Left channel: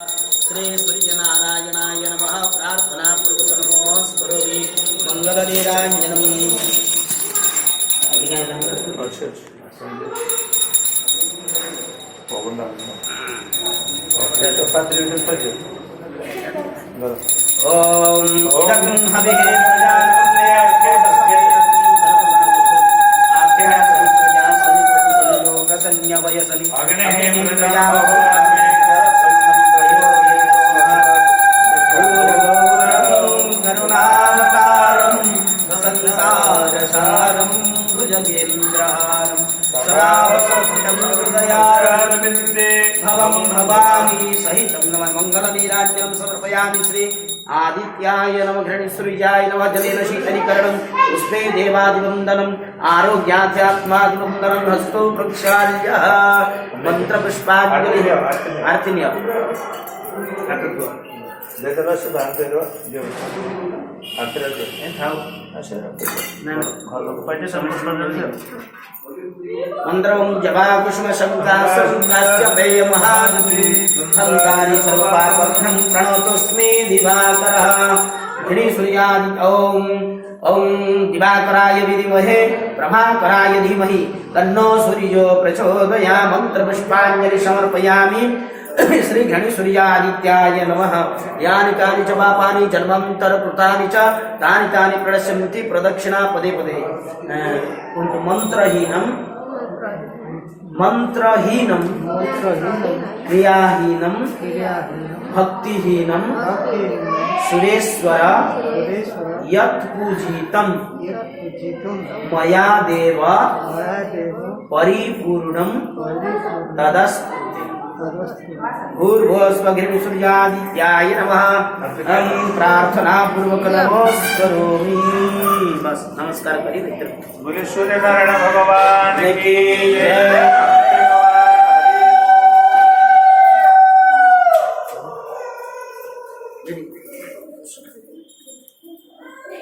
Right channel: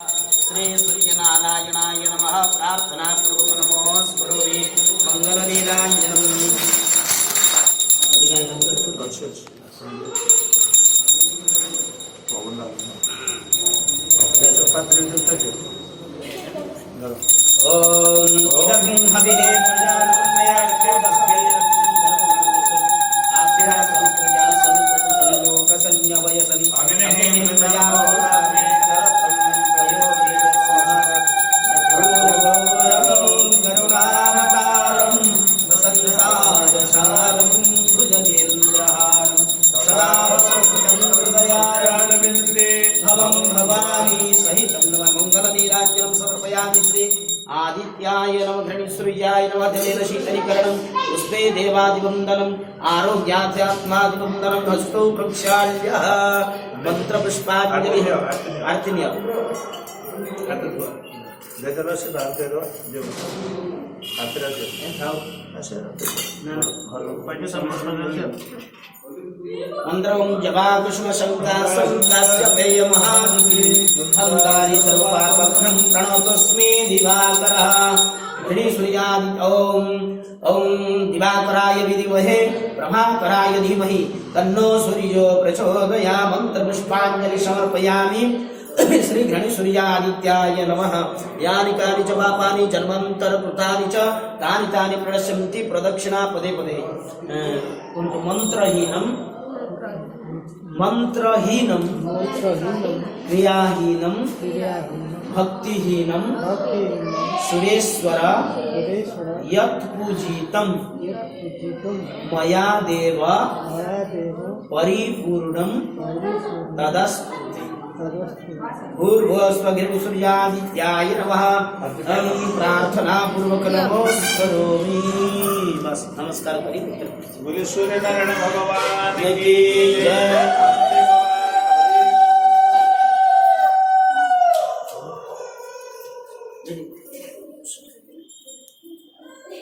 श्री सूर्यनारायणाय नमः। प्रार्थना पूर्वक नमोस्तुते मंगलनीरांजनम। ओम इदं हविः मंगलनीराजनम समर्पयामि। श्री आदित्याय नमः। घृणीसूर्याय नमः। जलेन शीतलीकरणं उष्णे देवादिवन्दनम् आरोग्याध्यात्मादिवन्दनं। हस्तौ प्रक्षाल्यः मंत्रपुष्पाञ्जलिः। आरतिन्य मंद्रवं जपा कुसुम शंकास्य पेय महागुरु हंकारी सर्वपापघ्नं प्रणतोऽस्मि दिवाकरः। घृणीसूर्यादि ओम दिवाकराय विद्महे प्रभाकराय धीमहि तन्नो सूर्यो प्रचोदयात्। मंत्रपुष्पाञ्जलि समर्पयामि। श्री घृणीसूर्यादित्याय नमः। यानि कानि च पापानि जन्मान्तरकृतानि च तानि तानि प्रणश्यन्ति प्रदक्षिणा पदे पदे। मंत्रहीनं क्रियाहीनं भक्तिहीनं सुरेश्वर यत् पूजितं मया देव परिपूर्णं तदस्तु। भूर्भुवस्वघृणीसूर्यादित्याय नमः। प्रार्थना पूर्वक नमस्करोमि। बस नमस्कार करिए। बोले सूर्य नारायण भगवान की